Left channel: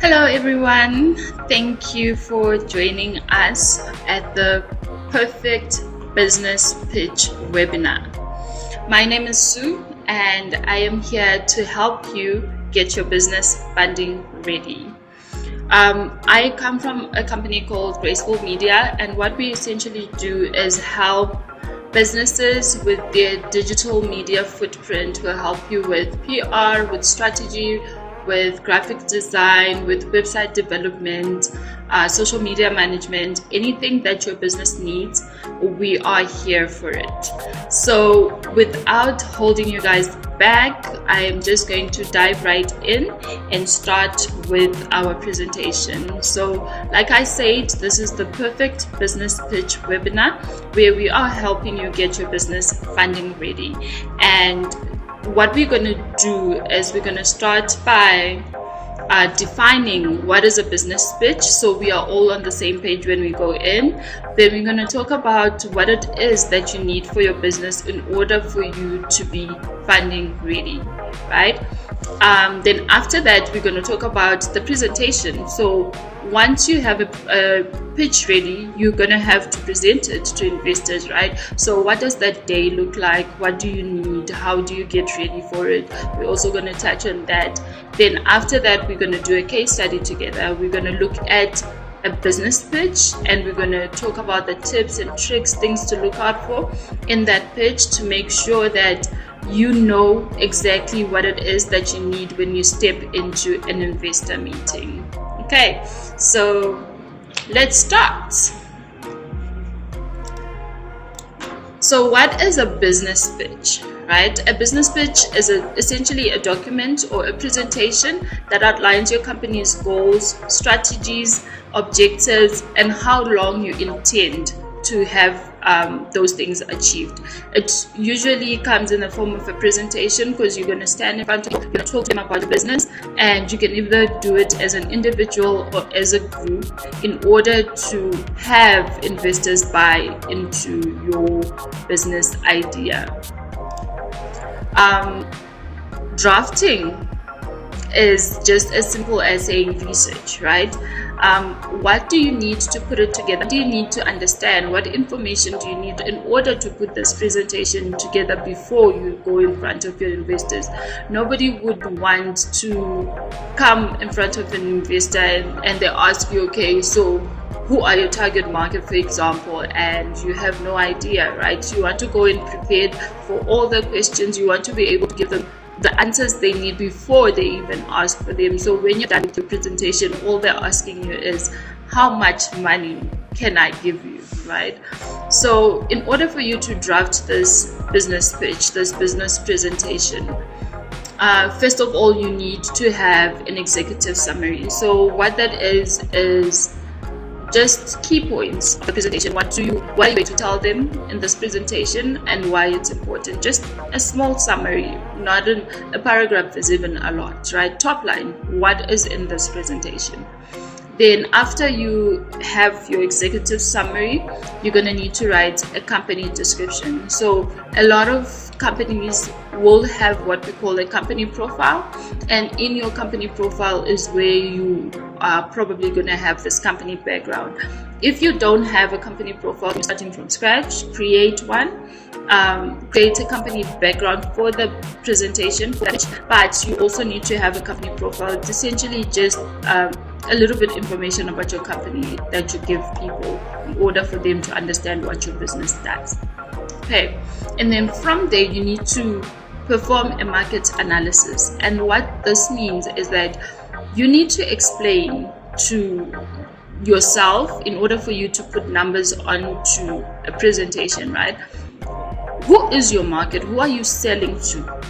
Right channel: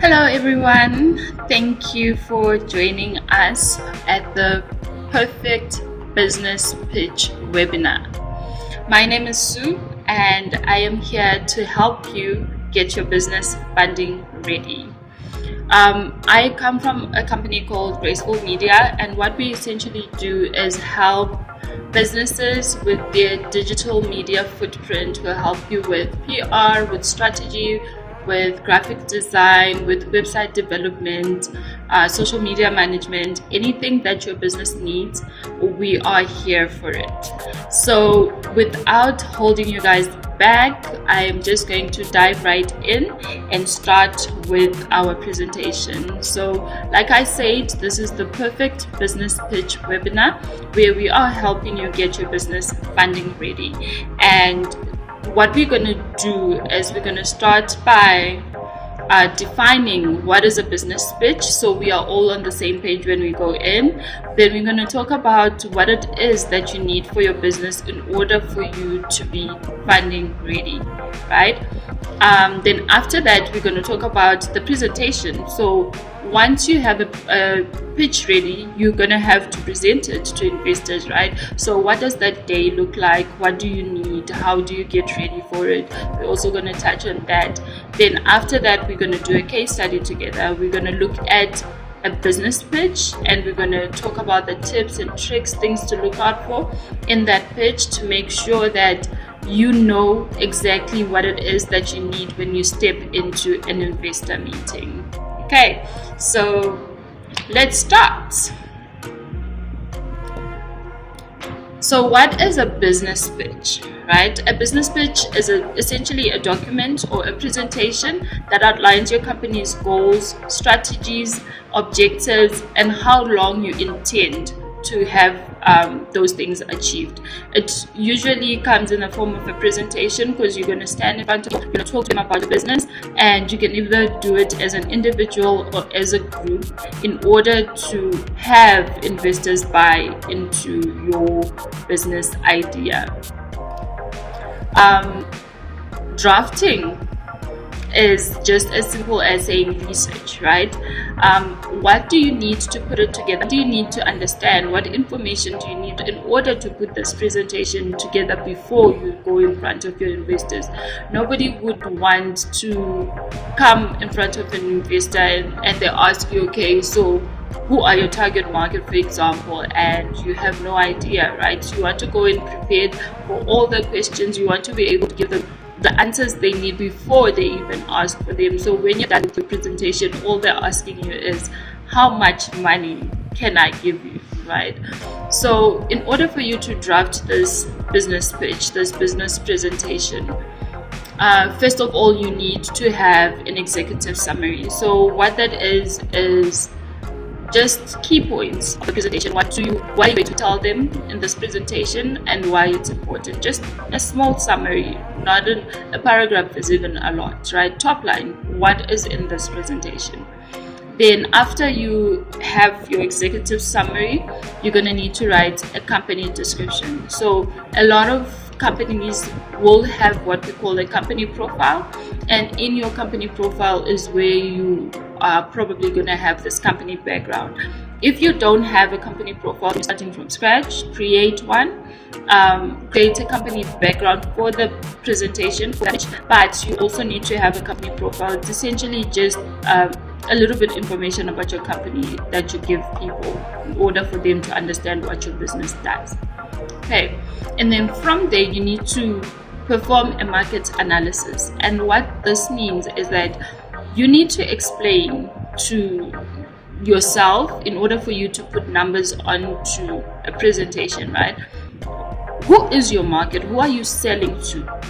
Hello, everyone. Thank you for joining us at the Perfect Business Pitch webinar. My name is Sue, and I am here to help you get your business funding ready. I come from a company called Graceful Media, and what we essentially do is help businesses with their digital media footprint. We'll help you with PR, with strategy, with graphic design, with website development, social media management, anything that your business needs, we are here for it. So without holding you guys back, I am just going to dive right in and start with our presentation. So like I said, this is the Perfect Business Pitch webinar where we are helping you get your business funding ready. And what we're going to do is we're going to start by defining what is a business pitch, so we are all on the same page when we go in. Then we're going to talk about what it is that you need for your business in order for you to be funding ready, right? Then after that, we're going to talk about the presentation. So once you have a pitch ready, you're going to have to present it to investors, right? So what does that day look like? What do you need? How do you get ready for it? We're also going to touch on that. Then after that, we're going to do a case study together. We're going to look at a business pitch, and we're going to talk about the tips and tricks, things to look out for in that pitch to make sure that you know exactly what it is that you need when you step into an investor meeting. Okay, so let's start. So what is a business pitch, right? A business pitch is essentially a document or a presentation that outlines your company's goals, strategies, objectives, and how long you intend to have those things achieved. It usually comes in the form of a presentation because you're going to stand in front of them, you're going to talk to them about the business, and you can either do it as an individual or as a group in order to have investors buy into your business idea. Drafting is just as simple as saying research, right? What do you need to put it together? What do you need to understand? What information do you need in order to put this presentation together before you go in front of your investors? Nobody would want to come in front of an investor and they ask you, okay, so who are your target market, for example, and you have no idea, right? You want to go in prepared for all the questions. You want to be able to give them the answers they need before they even ask for them. So when you're done with your presentation, all they're asking you is, how much money can I give you, right? So in order for you to draft this business pitch, this business presentation, first of all, you need to have an executive summary. So what that is just key points of the presentation. What are you going to tell them in this presentation and why it's important? Just a small summary, not a paragraph is even a lot, right? Top line, what is in this presentation? Then after you have your executive summary, you're going to need to write a company description. So a lot of companies will have what we call a company profile, and in your company profile is where you are probably going to have this company background. If you don't have a company profile, you're starting from scratch, create one. Create a company background for the presentation, but you also need to have a company profile. It's essentially just a little bit information about your company that you give people in order for them to understand what your business does. Okay, and then from there you need to perform a market analysis, and what this means is that you need to explain to yourself, in order for you to put numbers onto a presentation, right? Who is your market? Who are you selling to?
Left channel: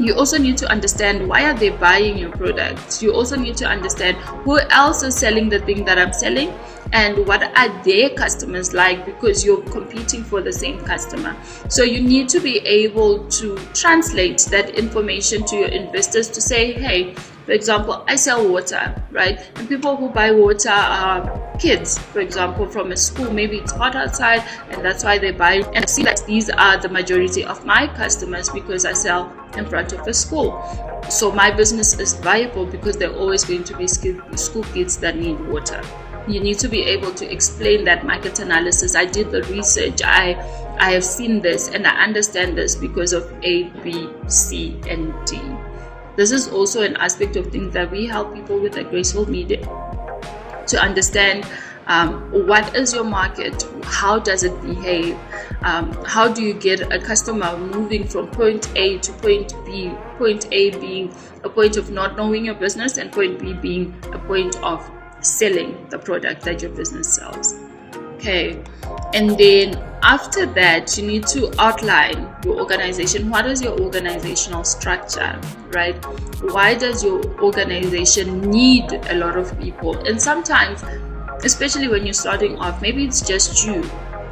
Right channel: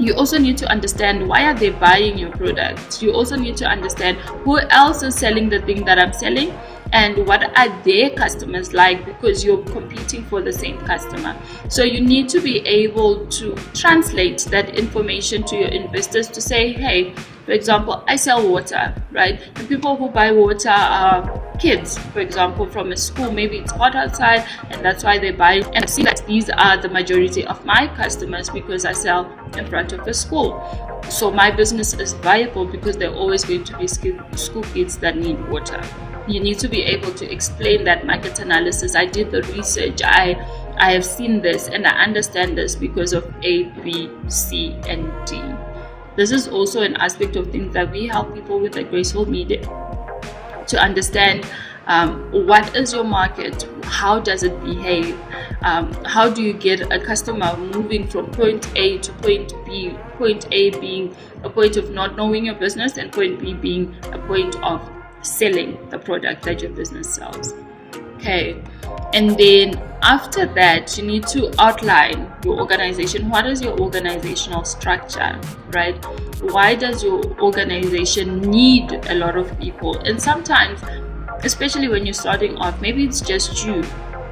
You also need to understand, why are they buying your products? You also need to understand who else is selling the thing that I'm selling, and what are their customers like, because you're competing for the same customer. So you need to be able to translate that information to your investors to say, hey, for example, I sell water, right? And people who buy water are kids, for example, from a school. Maybe it's hot outside and that's why they buy it. And I see that these are the majority of my customers because I sell in front of a school. So my business is viable because there are always going to be school kids that need water. You need to be able to explain that market analysis. I did the research. I have seen this and I understand this because of A, B, C, and D. This is also an aspect of things that we help people with at Graceful Media to understand. What is your market? How does it behave? How do you get a customer moving from point A to point B? Point A being a point of not knowing your business, and point B being a point of selling the product that your business sells. Okay. And then after that, you need to outline your organization. What is your organizational structure, right? Why does your organization need a lot of people? And sometimes, especially when you're starting off, maybe it's just you.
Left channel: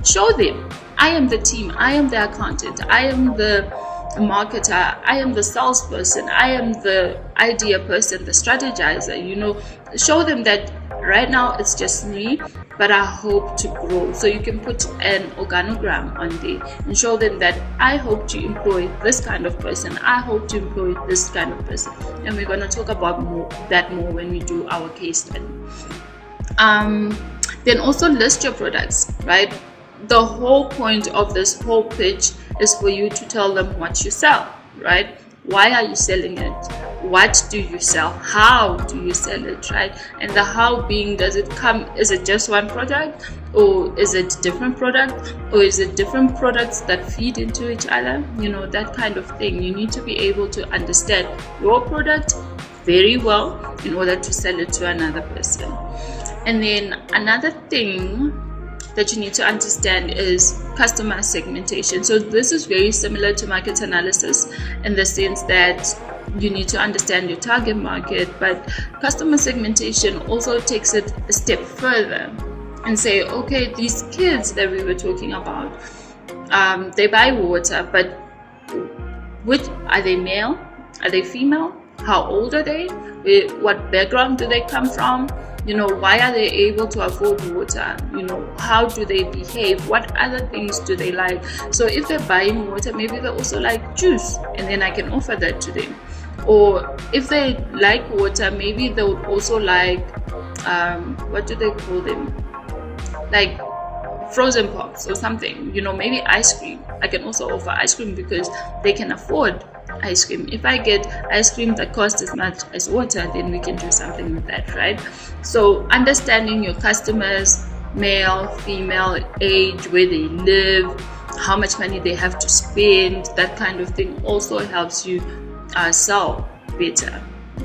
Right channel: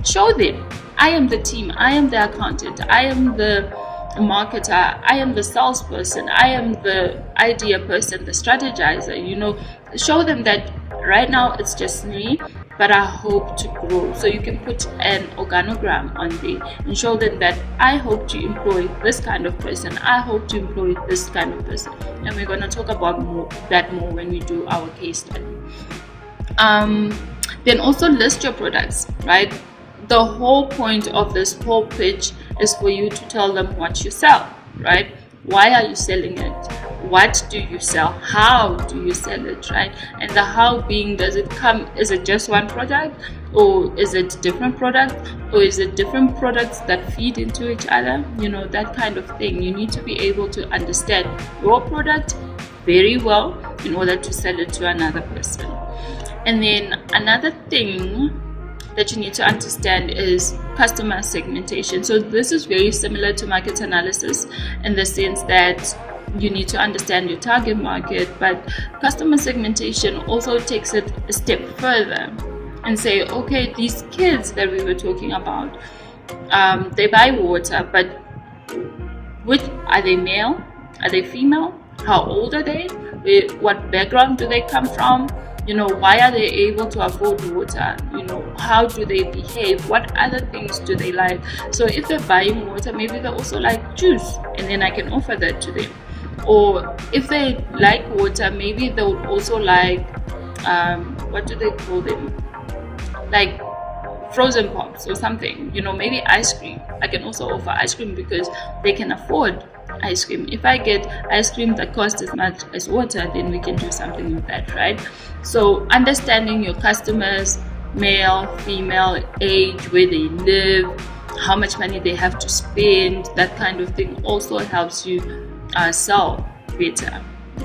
Show them, I am the team, I am the accountant, I am the marketer, I am the salesperson, I am the idea person, the strategizer. Show them that right now it's just me, but I hope to grow. So you can put an organogram on there and show them that I hope to employ this kind of person, I hope to employ this kind of person. And we're going to talk about that more when we do our case study. Then also list your products, right? The whole point of this whole pitch is for you to tell them what you sell, right? Why are you selling it? What do you sell? How do you sell it, right? And the how being, is it just one product, or is it different product, or is it different products that feed into each other? That kind of thing. You need to be able to understand your product very well in order to sell it to another person. And then another thing that you need to understand is customer segmentation. So this is very similar to market analysis in the sense that you need to understand your target market, but customer segmentation also takes it a step further and say, okay, these kids that we were talking about, they buy water, but are they male? Are they female? How old are they? What background do they come from? Why are they able to afford water? How do they behave? What other things do they like? So if they're buying water, maybe they also like juice, and then I can offer that to them. Or if they like water, maybe they would also like, what do they call them? Like frozen pops or something, maybe ice cream. I can also offer ice cream because they can afford ice cream. If I get ice cream that costs as much as water, then we can do something with that, right? So understanding your customers, male, female, age, where they live, how much money they have to spend, that kind of thing also helps you sell better.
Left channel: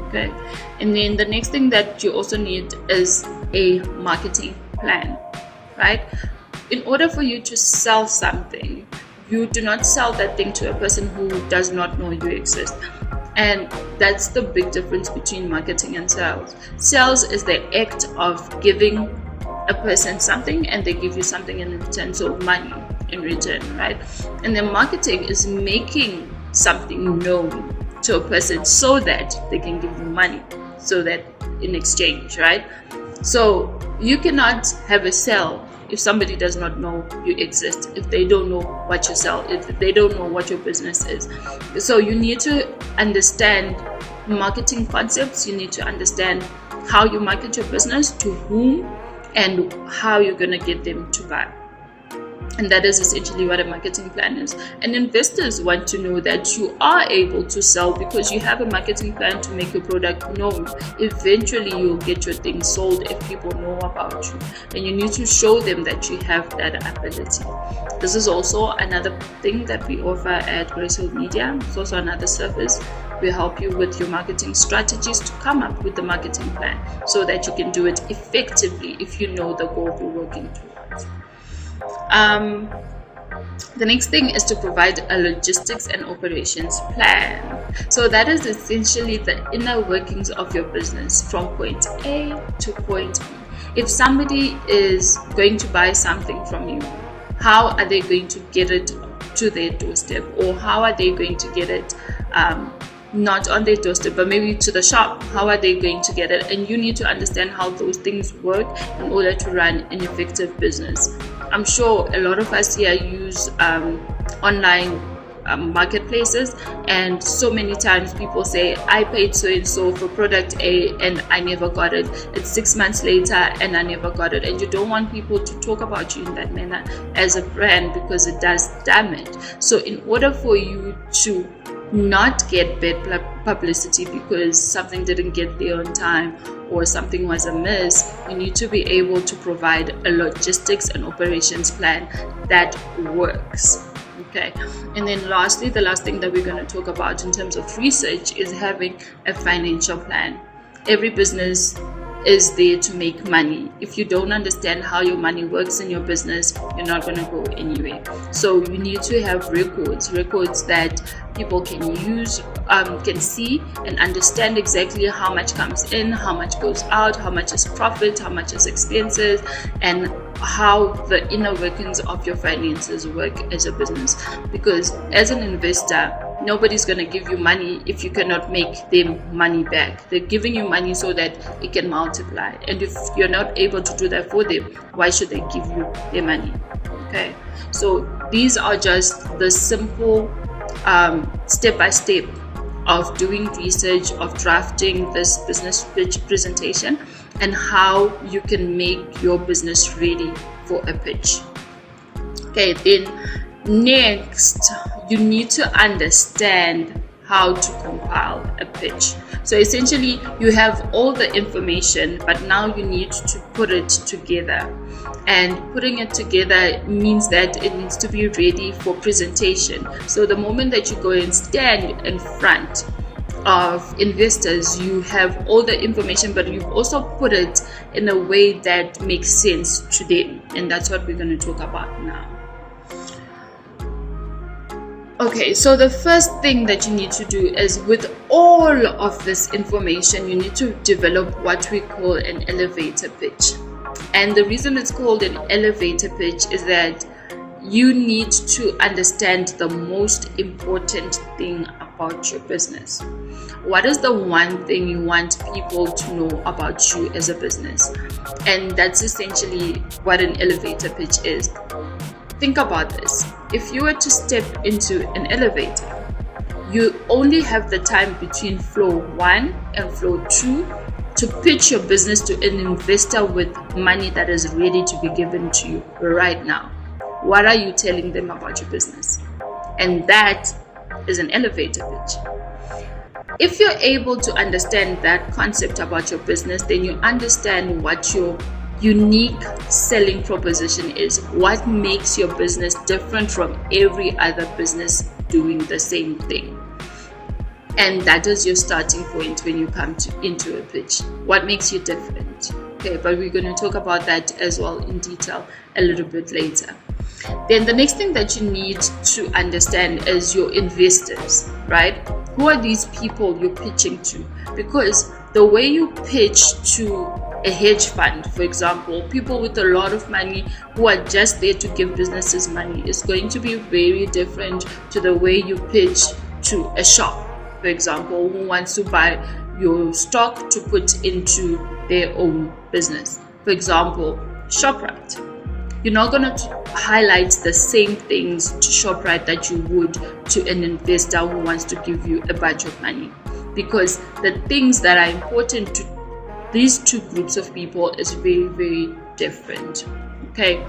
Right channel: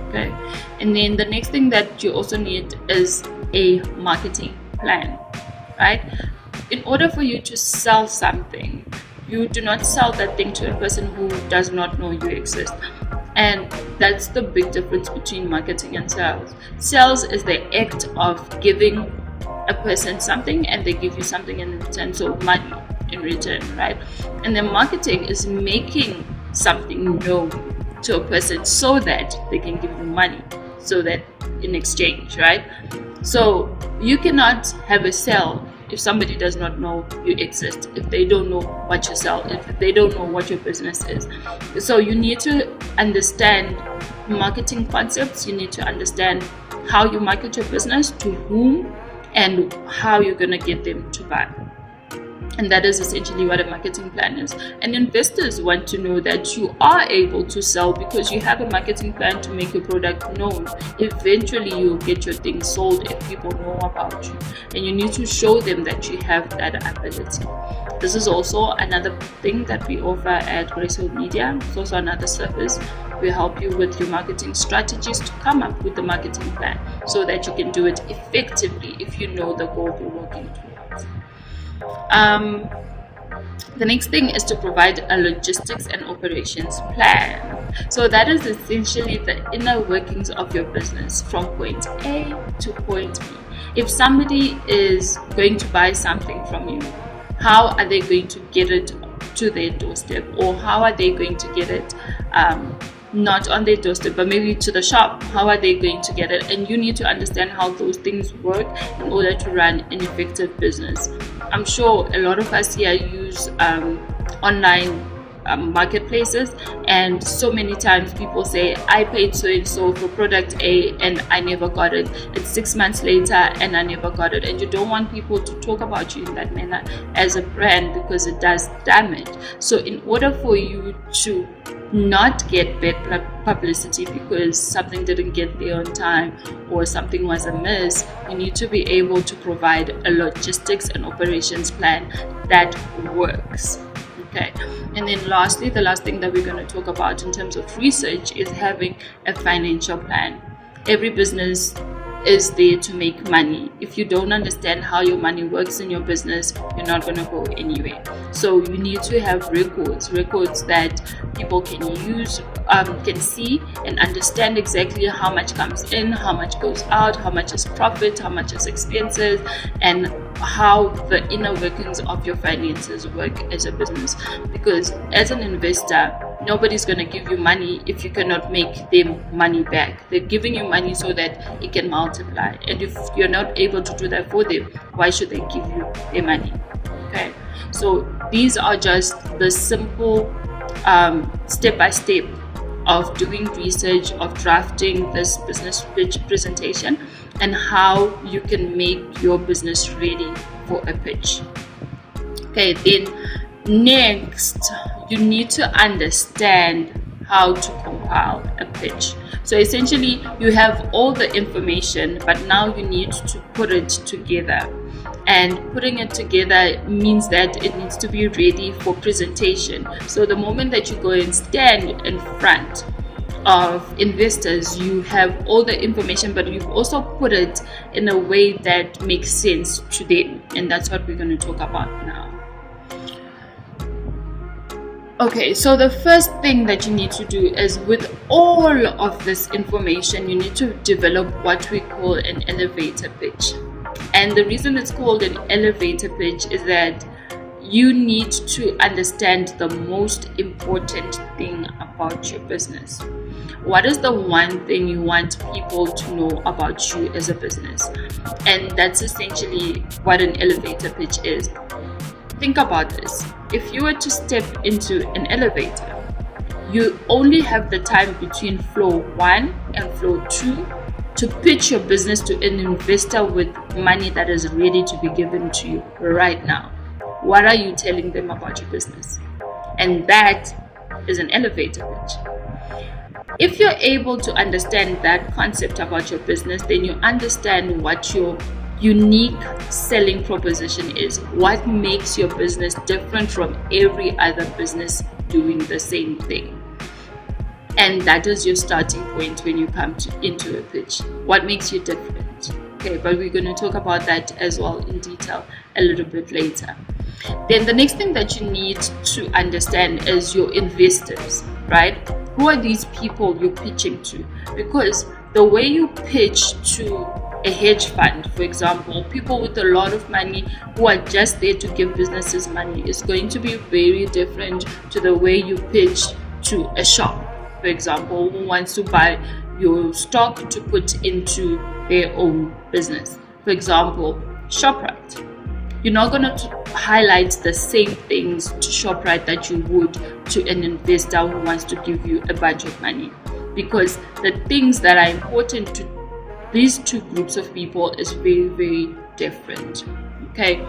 Okay. And then the next thing that you also need is a marketing plan, right? In order for you to sell something, you do not sell that thing to a person who does not know you exist. And that's the big difference between marketing and sales. Sales is the act of giving a person something and they give you something in return, so money in return, right? And then marketing is making something known to a person so that they can give you money, so that in exchange, right? So you cannot have a sale if somebody does not know you exist, if they don't know what you sell, if they don't know what your business is. So you need to understand marketing concepts. You need to understand how you market your business, to whom, and how you're going to get them to buy. And that is essentially what a marketing plan is. And investors want to know that you are able to sell because you have a marketing plan to make your product known. Eventually, you'll get your thing sold if people know about you. And you need to show them that you have that ability. This is also another thing that we offer at Graceful Media. It's also another service. We help you with your marketing strategies to come up with the marketing plan so that you can do it effectively if you know the goal you're working towards. The next thing is to provide a logistics and operations plan. So that is essentially the inner workings of your business from point A to point B. If somebody is going to buy something from you, how are they going to get it to their doorstep? Or how are they going to get it not on their doorstep, but maybe to the shop? How are they going to get it? And you need to understand how those things work in order to run an effective business. I'm sure a lot of us here use online marketplaces, and so many times people say, I paid so and so for product A and I never got it. It's 6 months later and I never got it. And you don't want people to talk about you in that manner as a brand, because it does damage. So in order for you to not get bad publicity because something didn't get there on time or something was amiss, you need to be able to provide a logistics and operations plan that works. Okay, and then lastly, the last thing that we're going to talk about in terms of research is having a financial plan. Every business is there to make money. If you don't understand how your money works in your business, you're not going to go anywhere. So you need to have records that people can use, can see and understand exactly how much comes in, how much goes out, how much is profit, how much is expenses, and how the inner workings of your finances work as a business. Because as an investor, nobody's going to give you money if you cannot make them money back. They're giving you money so that it can multiply. And if you're not able to do that for them, why should they give you their money? Okay, so these are just the simple step-by-step of doing research, of drafting this business pitch presentation, and how you can make your business ready for a pitch. Okay, then next, you need to understand how to compile a pitch. So essentially, you have all the information, but now you need to put it together. And putting it together means that it needs to be ready for presentation. So the moment that you go and stand in front of investors, you have all the information, but you've also put it in a way that makes sense to them. And that's what we're going to talk about now. Okay, so the first thing that you need to do is, with all of this information, you need to develop what we call an elevator pitch. And the reason it's called an elevator pitch is that you need to understand the most important thing about your business. What is the one thing you want people to know about you as a business? And that's essentially what an elevator pitch is. Think about this. If you were to step into an elevator, you only have the time between floor 1 and floor 2 to pitch your business to an investor with money that is ready to be given to you right now. What are you telling them about your business? And that is an elevator pitch. If you're able to understand that concept about your business, then you understand what your unique selling proposition is. What makes your business different from every other business doing the same thing? And that is your starting point when you come into a pitch. What makes you different? Okay, but we're going to talk about that as well in detail a little bit later. Then the next thing that you need to understand is your investors, right? Who are these people you're pitching to? Because the way you pitch to a hedge fund, for example, people with a lot of money who are just there to give businesses money, is going to be very different to the way you pitch to a shop, for example, who wants to buy your stock to put into their own business. For example, ShopRite. You're not going to highlight the same things to ShopRite that you would to an investor who wants to give you a bunch of money, because the things that are important to these two groups of people is very, very different. Okay.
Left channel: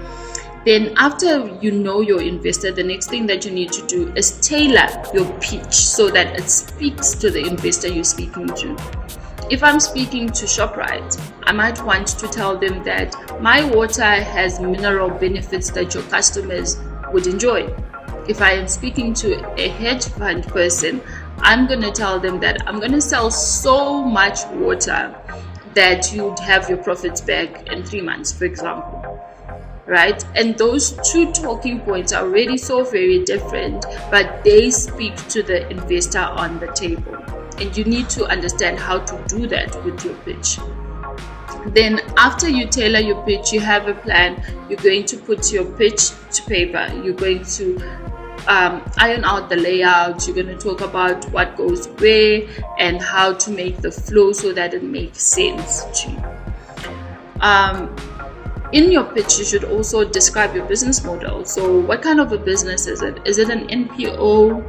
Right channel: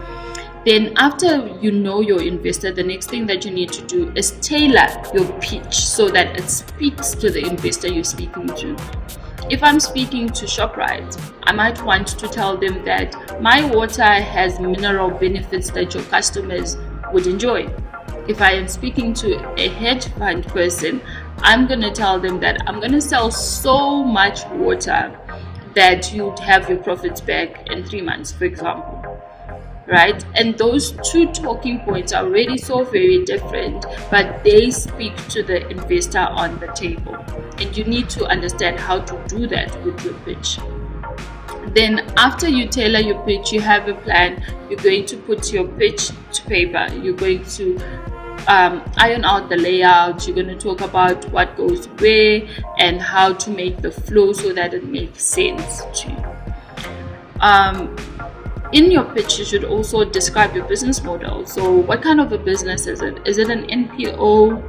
Then after you know your investor, the next thing that you need to do is tailor your pitch so that it speaks to the investor you're speaking to. If I'm speaking to ShopRite, I might want to tell them that my water has mineral benefits that your customers would enjoy. If I am speaking to a hedge fund person, I'm going to tell them that I'm going to sell so much water that you'd have your profits back in 3 months, for example. Right? And those two talking points are already so very different, but they speak to the investor on the table. And you need to understand how to do that with your pitch. Then after you tailor your pitch, you have a plan. You're going to put your pitch to paper. You're going to iron out the layout. You're going to talk about what goes where and how to make the flow so that it makes sense to you. In your pitch, you should also describe your business model. So what kind of a business is it? Is it an NPO?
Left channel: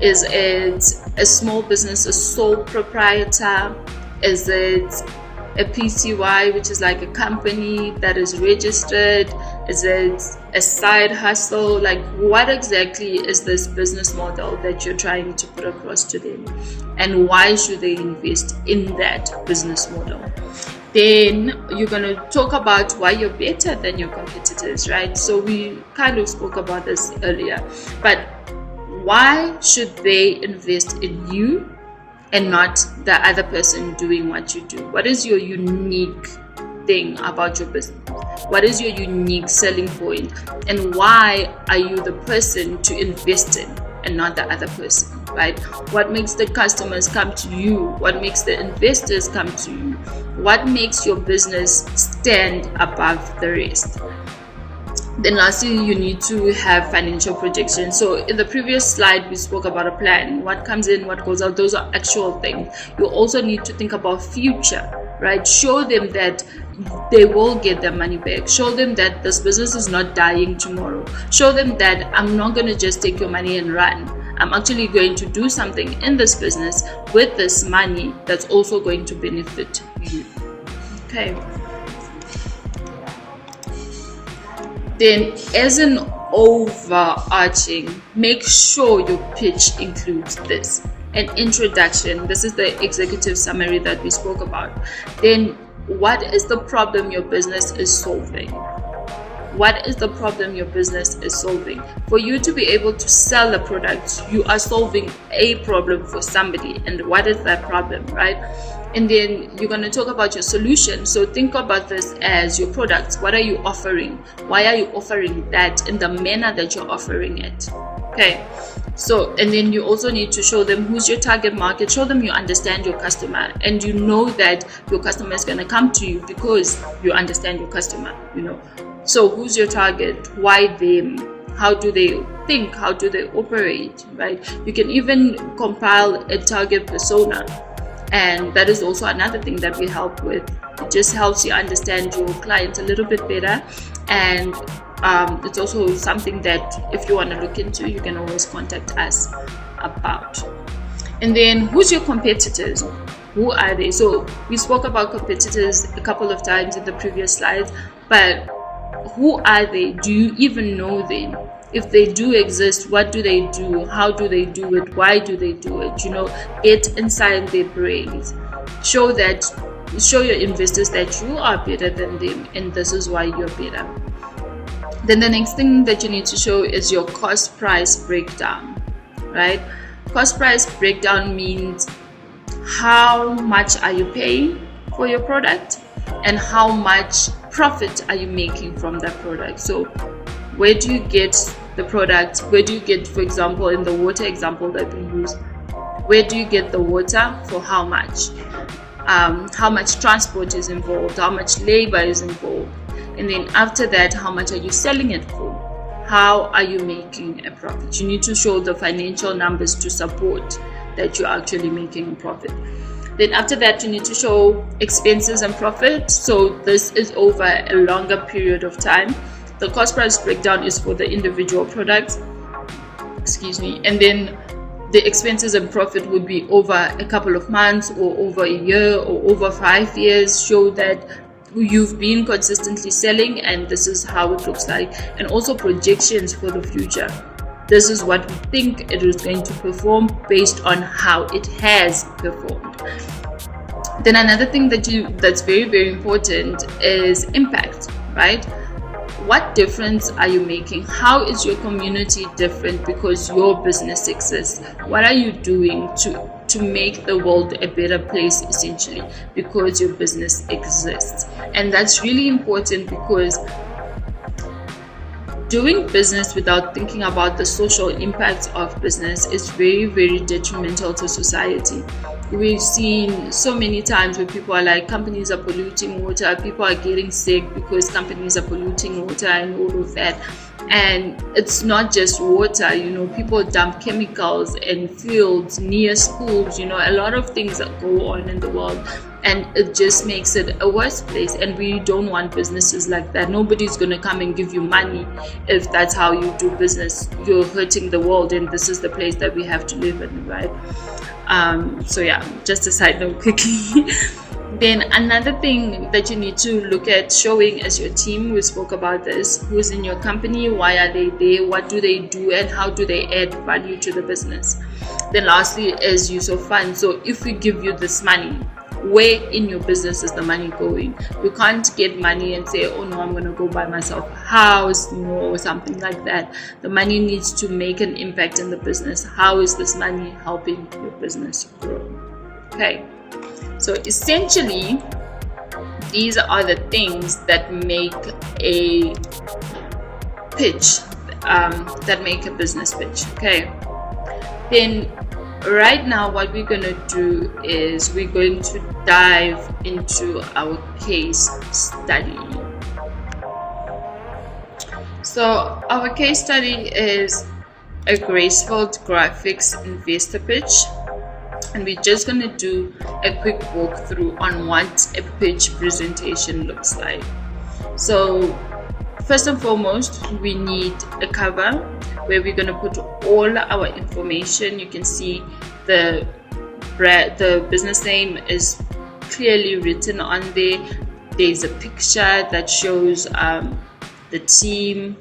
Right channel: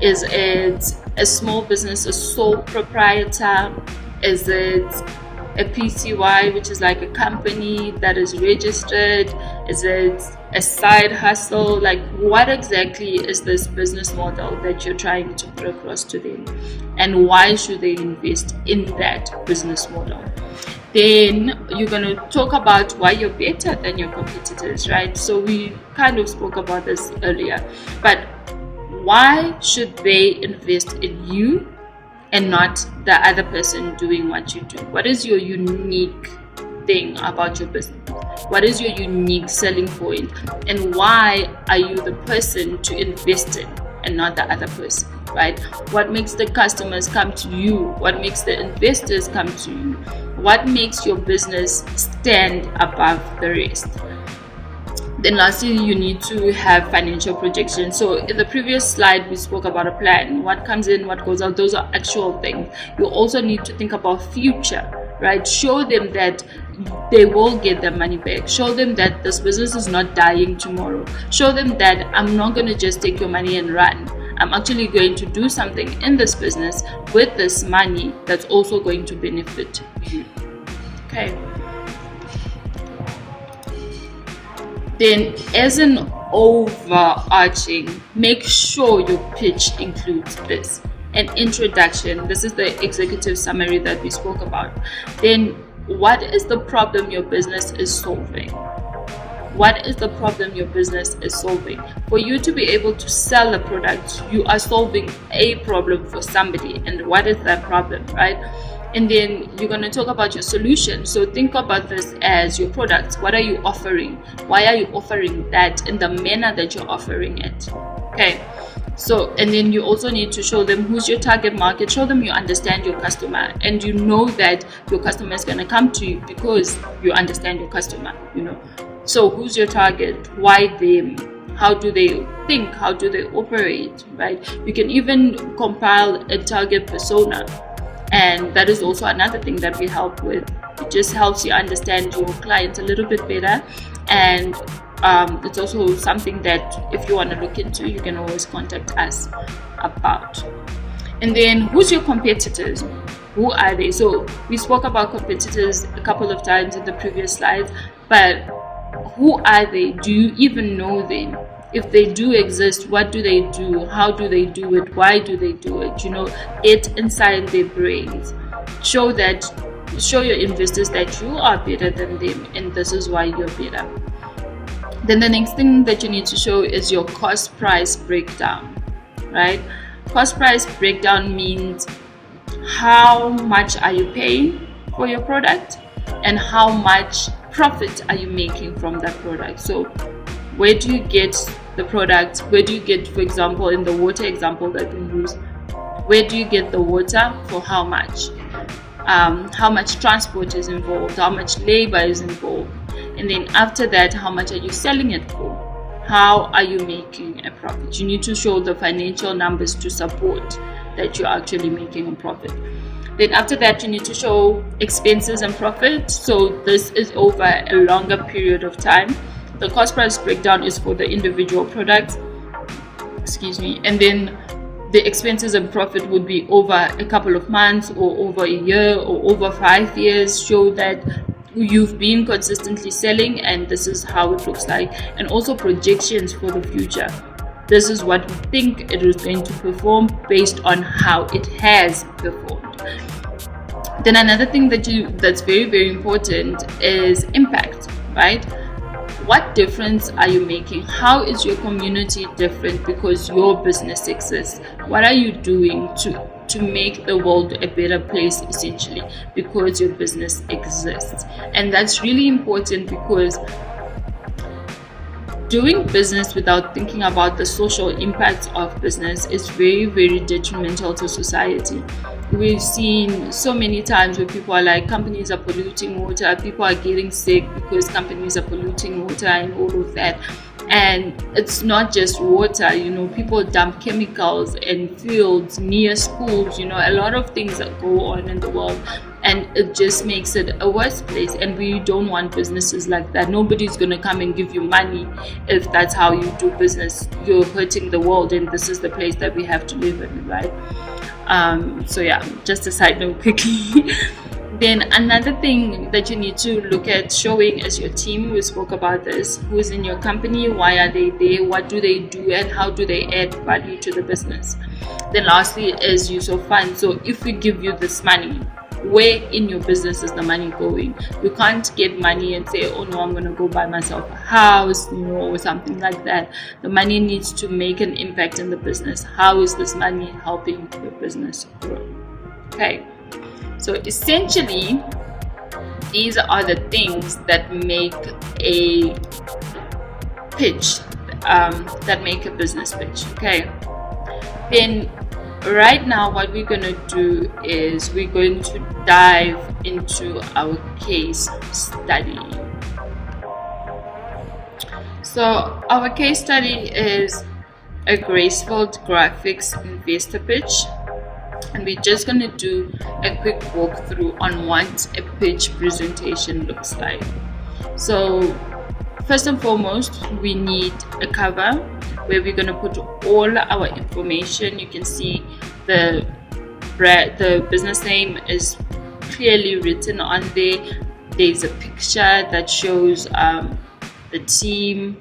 Is it a small business, a sole proprietor? Is it a PCY, which is like a company that is registered? Is it a side hustle? Like, what exactly is this business model that you're trying to put across to them? And why should they invest in that business model? Then you're going to talk about why you're better than your competitors, right? So we kind of spoke about this earlier, but why should they invest in you and not the other person doing what you do? What is your unique thing about your business? What is your unique selling point? And why are you the person to invest in and not the other person, right? What makes the customers come to you? What makes the investors come to you? What makes your business stand above the rest? Then lastly, you need to have financial projections. So in the previous slide, we spoke about a plan. What comes in, what goes out, those are actual things. You also need to think about future, right? Show them that they will get their money back. Show them that this business is not dying tomorrow. Show them that I'm not going to just take your money and run. I'm actually going to do something in this business with this money that's also going to benefit you. Okay. Then, as an overarching, make sure your pitch includes this: an introduction. This is the executive summary that we spoke about. Then, what is the problem your business is solving? What is the problem your business is solving? For you to be able to sell a product, you are solving a problem for somebody. And what is that problem, right? And then you're going to talk about your solution. So think about this as your products. What are you offering? Why are you offering that in the manner that you're offering it? Okay. So, and then you also need to show them who's your target market. Show them you understand your customer, and you know that your customer is going to come to you because you understand your customer, So who's your target? Why them? How do they think? How do they operate, right? You can even compile a target persona. And that is also another thing that we help with. It just helps you understand your client a little bit better. And it's also something that if you want to look into, you can always contact us about. And then who's your competitors? Who are they? So we spoke about competitors a couple of times in the previous slides, but who are they? Do you even know them? If they do exist, what do they do? How do they do it? Why do they do it? Get inside their brains. Show your investors that you are better than them, and this is why you're better. Then the next thing that you need to show is your cost price breakdown, right? Cost price breakdown means how much are you paying for your product and how much profit are you making from that product. So where do you get the product? Where do you get, for example, in the water example that we use, where do you get the water for how much? How much transport is involved? How much labor is involved? And then after that, how much are you selling it for? How are you making a profit? You need to show the financial numbers to support that you're actually making a profit. Then after that, you need to show expenses and profit. So this is over a longer period of time. The cost price breakdown is for the individual product, and then the expenses and profit would be over a couple of months or over a year or over 5 years. Show that you've been consistently selling and this is how it looks like, and also projections for the future. This is what we think it is going to perform based on how it has performed. Then another thing that's very, very important is impact, right? What difference are you making? How is your community different because your business exists? What are you doing to make the world a better place, essentially, because your business exists? And that's really important, because doing business without thinking about the social impacts of business is very, very detrimental to society. We've seen so many times where people are like, companies are polluting water, people are getting sick because companies are polluting water and all of that. And it's not just water, people dump chemicals in fields near schools, a lot of things that go on in the world, and it just makes it a worse place. And we don't want businesses like that. Nobody's going to come and give you money if that's how you do business. You're hurting the world, and this is the place that we have to live in, right? So yeah, just a side note quickly. Then another thing that you need to look at showing as your team, we spoke about this, who's in your company, why are they there, what do they do, and how do they add value to the business. Then lastly is use of funds. So if we give you this money, where in your business is the money going? You can't get money and say, oh no, I'm going to go buy myself a house, or something like that. The money needs to make an impact in the business. How is this money helping your business grow? Okay. So essentially, these are the things that make a pitch, that make a business pitch. Okay. Then right now, what we're going to do is we're going to dive into our case study. So our case study is a Gracefield Graphics investor pitch. And we're just going to do a quick walkthrough on what a pitch presentation looks like. So first and foremost, we need a cover where we're going to put all our information. You can see the business name is clearly written on there. There's a picture that shows the team,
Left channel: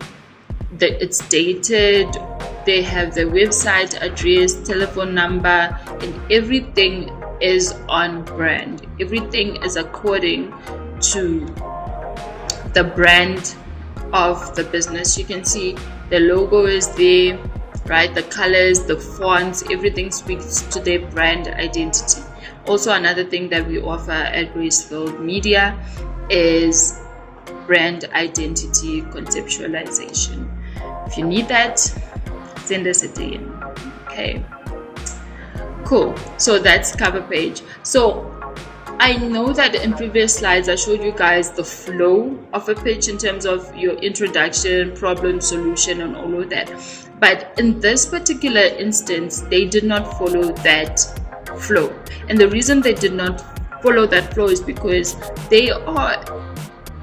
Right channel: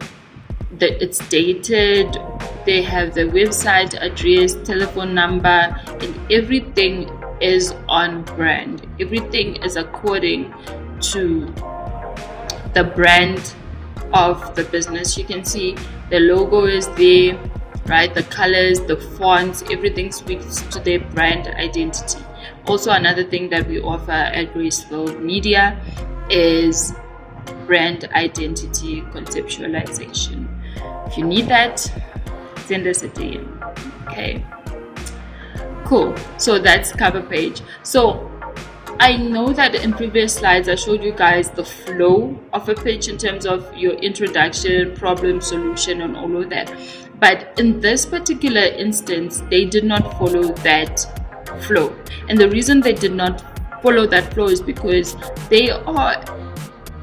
that it's dated. They have the website address, telephone number, and everything is on brand. Everything is according to the brand of the business. You can see the logo is there, right? The colors, the fonts, everything speaks to their brand identity. Also, another thing that we offer at Gracefield Media is brand identity conceptualization. If you need that, send us a DM. Okay, cool. So that's cover page. So I know that in previous slides I showed you guys the flow of a pitch in terms of your introduction, problem, solution, and all of that. But in this particular instance, they did not follow that flow. And the reason they did not follow that flow is because they are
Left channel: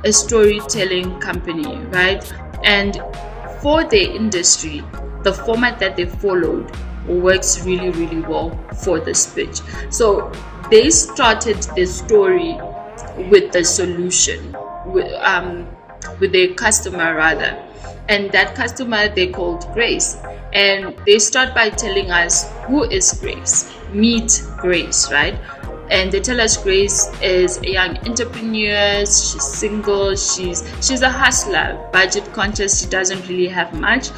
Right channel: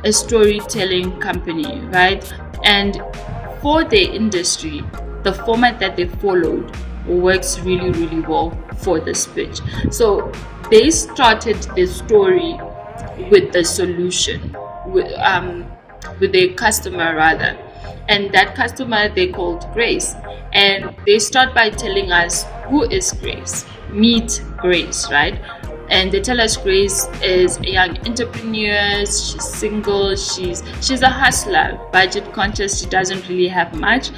a storytelling company, right? And for their industry, the format that they followed works really, really well for this pitch. So they started their story with the solution, with their customer rather, and that customer they called Grace. And they start by telling us, who is Grace? Meet Grace, right? And they tell us Grace is a young entrepreneur, she's single, she's a hustler, budget conscious, she doesn't really have much.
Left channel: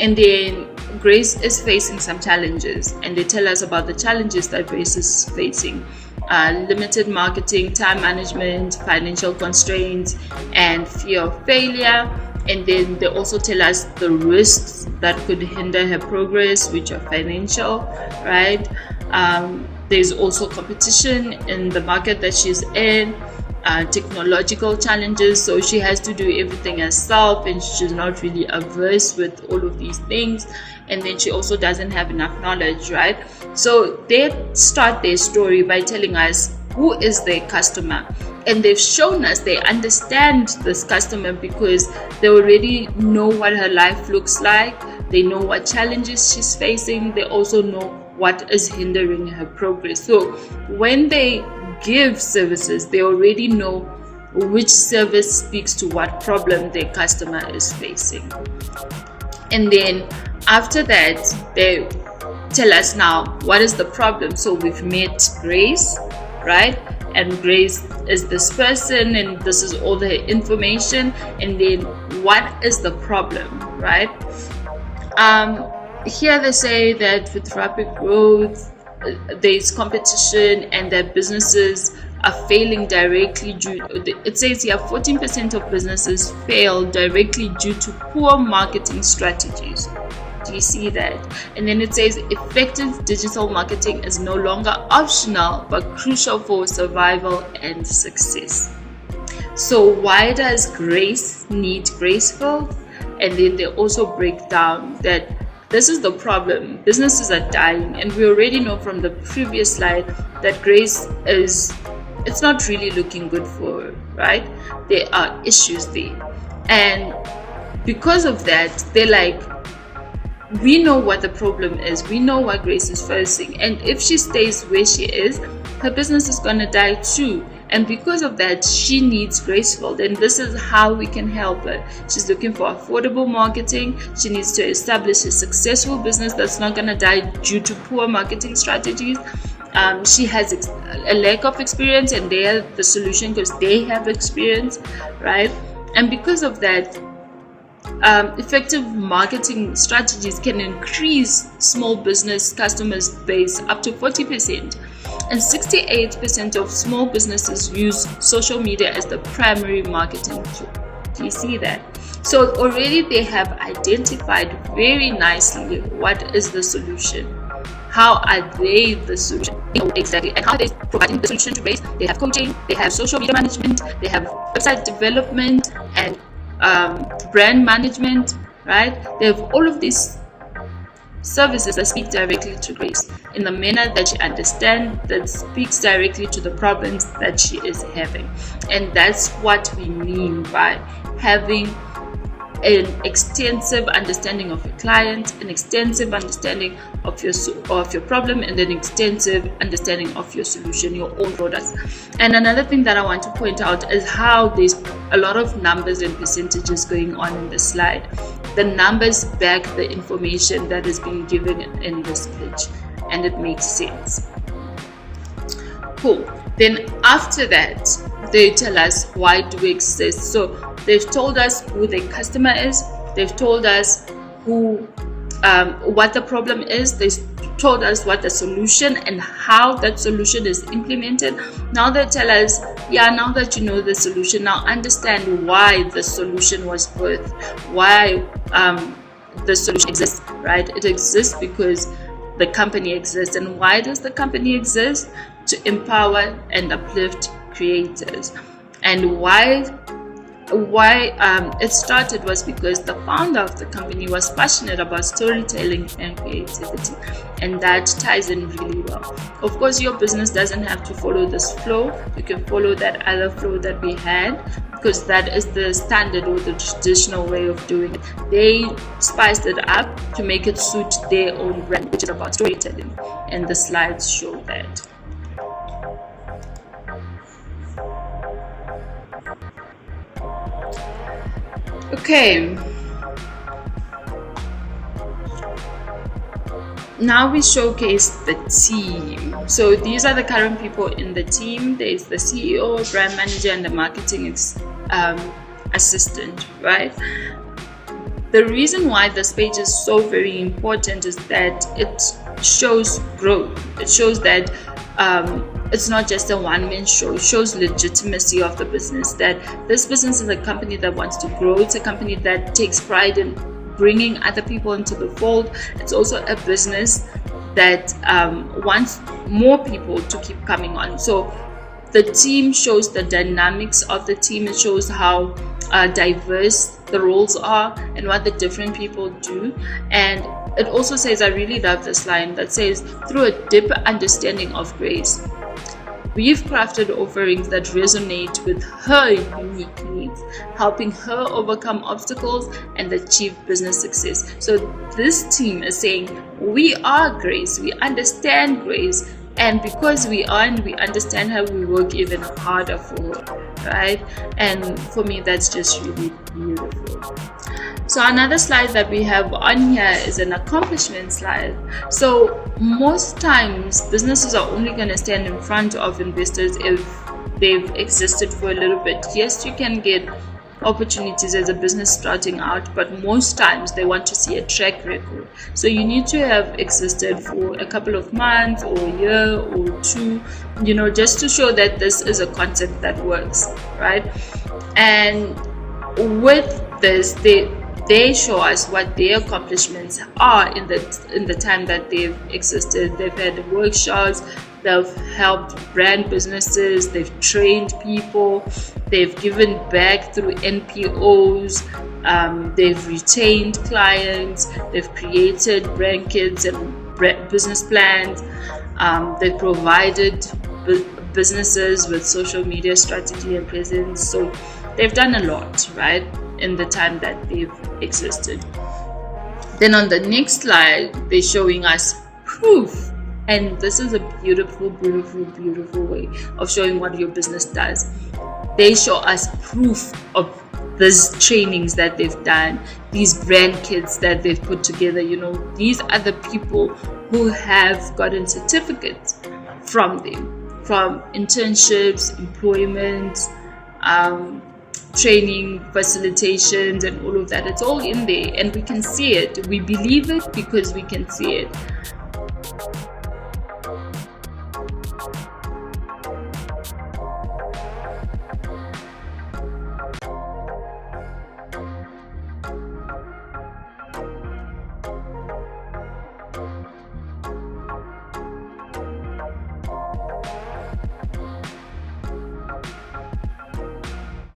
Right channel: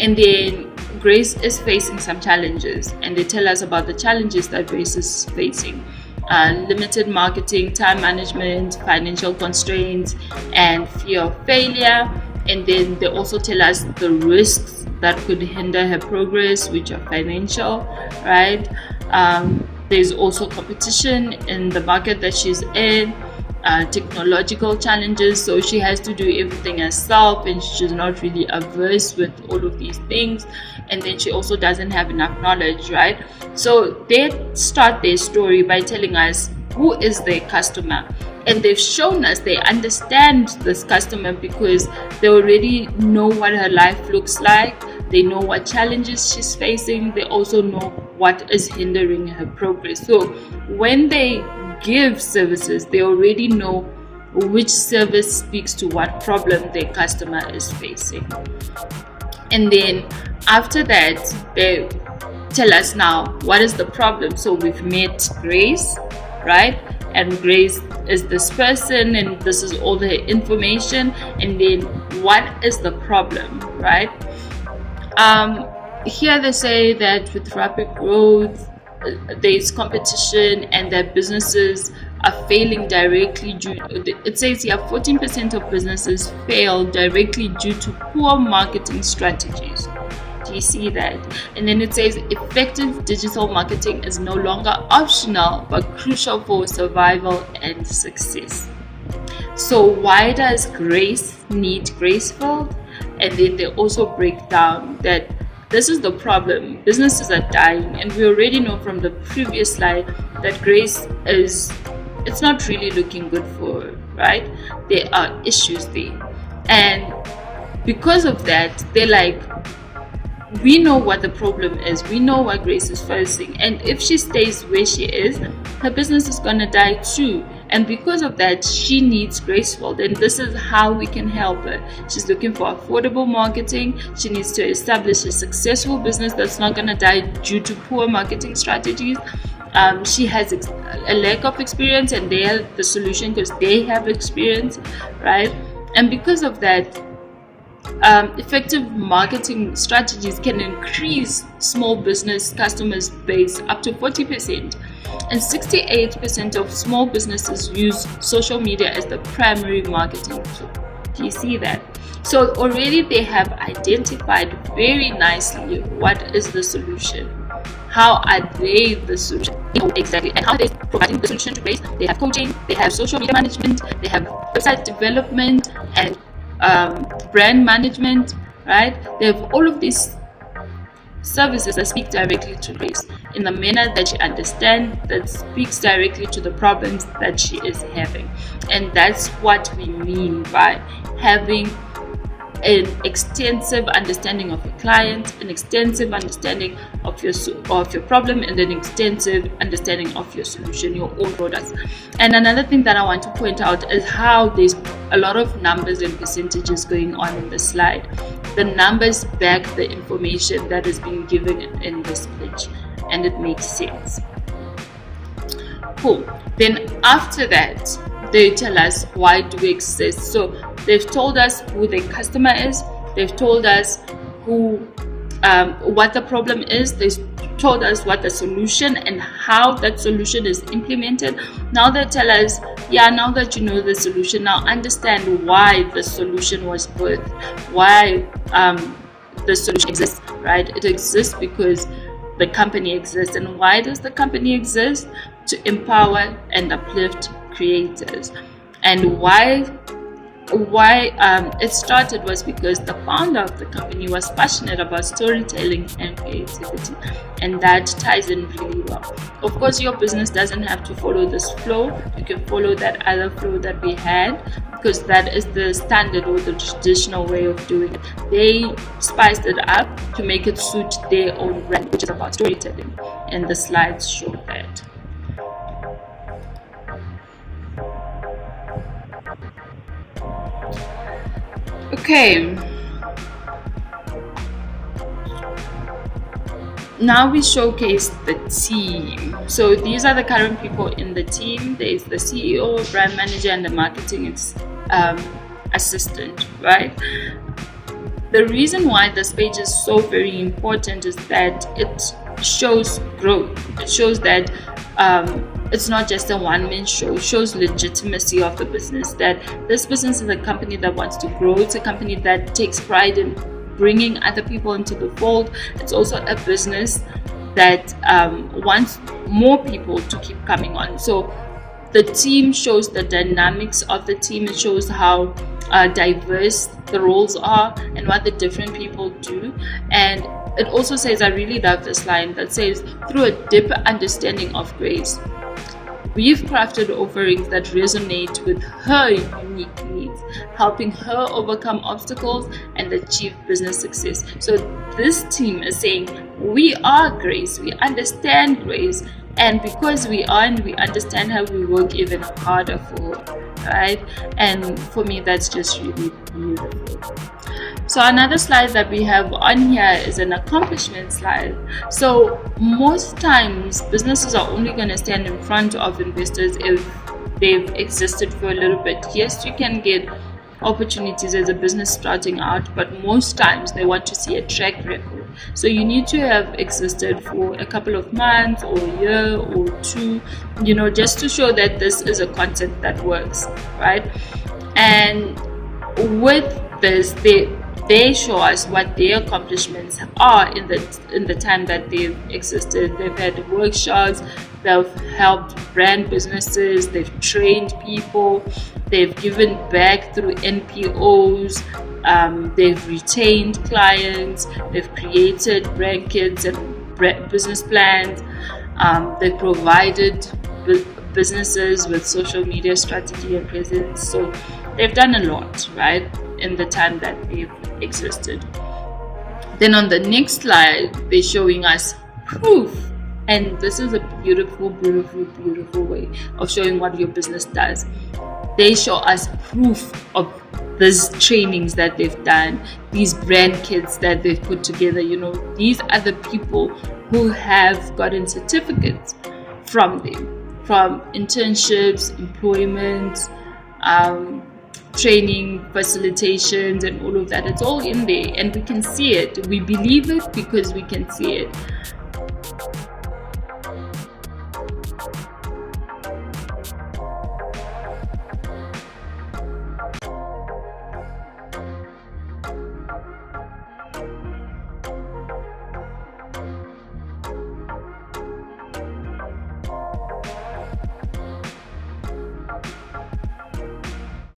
And then Grace is facing some challenges, and they tell us about the challenges that Grace is facing. Limited marketing, time management, financial constraints, and fear of failure. And then they also tell us the risks that could hinder her progress, which are financial, right? There's also competition in the market that she's in, technological challenges, so she has to do everything herself, and she's not really averse with all of these things. And then she also doesn't have enough knowledge, right? So they start their story by telling us who is their customer, and they've shown us they understand this customer because they already know what her life looks like. They know what challenges she's facing. They also know what is hindering her progress. So when they give services, they already know which service speaks to what problem their customer is facing. And then after that, they tell us now what is the problem. So we've met Grace, right? And Grace is this person, and this is all the information. And then what is the problem, right? Here they say that with rapid growth, there's competition, and that businesses are failing directly due. It says here 14% of businesses fail directly due to poor marketing strategies. Do you see that? And then it says effective digital marketing is no longer optional but crucial for survival and success. So why does Grace need Gracefield? and then they also break down that this is the problem. Businesses are dying, and we already know from the previous slide that Grace it's not really looking good for her, right? There are issues there. And because of that, they're like, we know what the problem is. We know what Grace is facing. And if she stays where she is, her business is going to die too. And because of that, she needs Graceful. And this is how we can help her. She's looking for affordable marketing. She needs to establish a successful business that's not going to die due to poor marketing strategies. She has a lack of experience, and they are the solution because they have experience, right? And because of that, effective marketing strategies can increase small business customers base up to 40%. And 68% of small businesses use social media as the primary marketing tool. Do you see that? So already they have identified very nicely what is the solution. How are they the solution? Exactly. And how are they providing the solution to Grace? They have coaching, they have social media management, they have website development and brand management, right? They have all of these services that speak directly to Grace in the manner that she understands, that speaks directly to the problems that she is having. And that's what we mean by having an extensive understanding of your client, an extensive understanding of your problem, and an extensive understanding of your solution, your own products. And another thing that I want to point out is how there's a lot of numbers and percentages going on in this slide. The numbers back the information that is being given in this pitch, and it makes sense. Cool. Then after that, they tell us why do we exist. So they've told us who the customer is. They've told us what the problem is. They've told us what the solution and how that solution is implemented. Now they tell us, now that you know the solution, now understand why the solution was birthed, why the solution exists, right? It exists because the company exists. And why does the company exist? To empower and uplift creators. And why it started was because the founder of the company was passionate about storytelling and creativity, and that ties in really well. Of course, your business doesn't have to follow this flow. You can follow that other flow that we had, because that is the standard or the traditional way of doing it. They spiced it up to make it suit their own brand, which is about storytelling, and the slides show that. Okay, now we showcase the team. So these are the current people in the team. There's the CEO, brand manager, and the marketing assistant, right? The reason why this page is so very important is that it shows growth. It shows that it's not just a one-man show. It shows legitimacy of the business, that this business is a company that wants to grow. It's a company that takes pride in bringing other people into the fold. It's also a business that wants more people to keep coming on. So the team shows the dynamics of the team. It shows how diverse the roles are and what the different people do. And it also says, I really love this line that says, through a deeper understanding of Grace, we've crafted offerings that resonate with her unique needs, helping her overcome obstacles and achieve business success. So this team is saying, we are Grace, we understand Grace, and because we are and we understand her, we work even harder for her, right? And for me, that's just really beautiful. So another slide that we have on here is an accomplishment slide. So most times businesses are only going to stand in front of investors if they've existed for a little bit. Yes, you can get opportunities as a business starting out, but most times they want to see a track record. So you need to have existed for a couple of months or a year or two, just to show that this is a concept that works, right? And with this, they show us what their accomplishments are in the time that they've existed. They've had workshops, they've helped brand businesses, they've trained people, they've given back through NPOs, They've retained clients, they've created brand kits and business plans, they've provided businesses with social media strategy and presence. So they've done a lot, right, in the time that they've existed. Then on the next slide, they're showing us proof. And this is a beautiful, beautiful, beautiful way of showing what your business does. They show us proof of these trainings that they've done, these brand kits that they've put together. You know, these are the people who have gotten certificates from them, from internships, employment, training, facilitations, and all of that. It's all in there, and we can see it. We believe it because we can see it.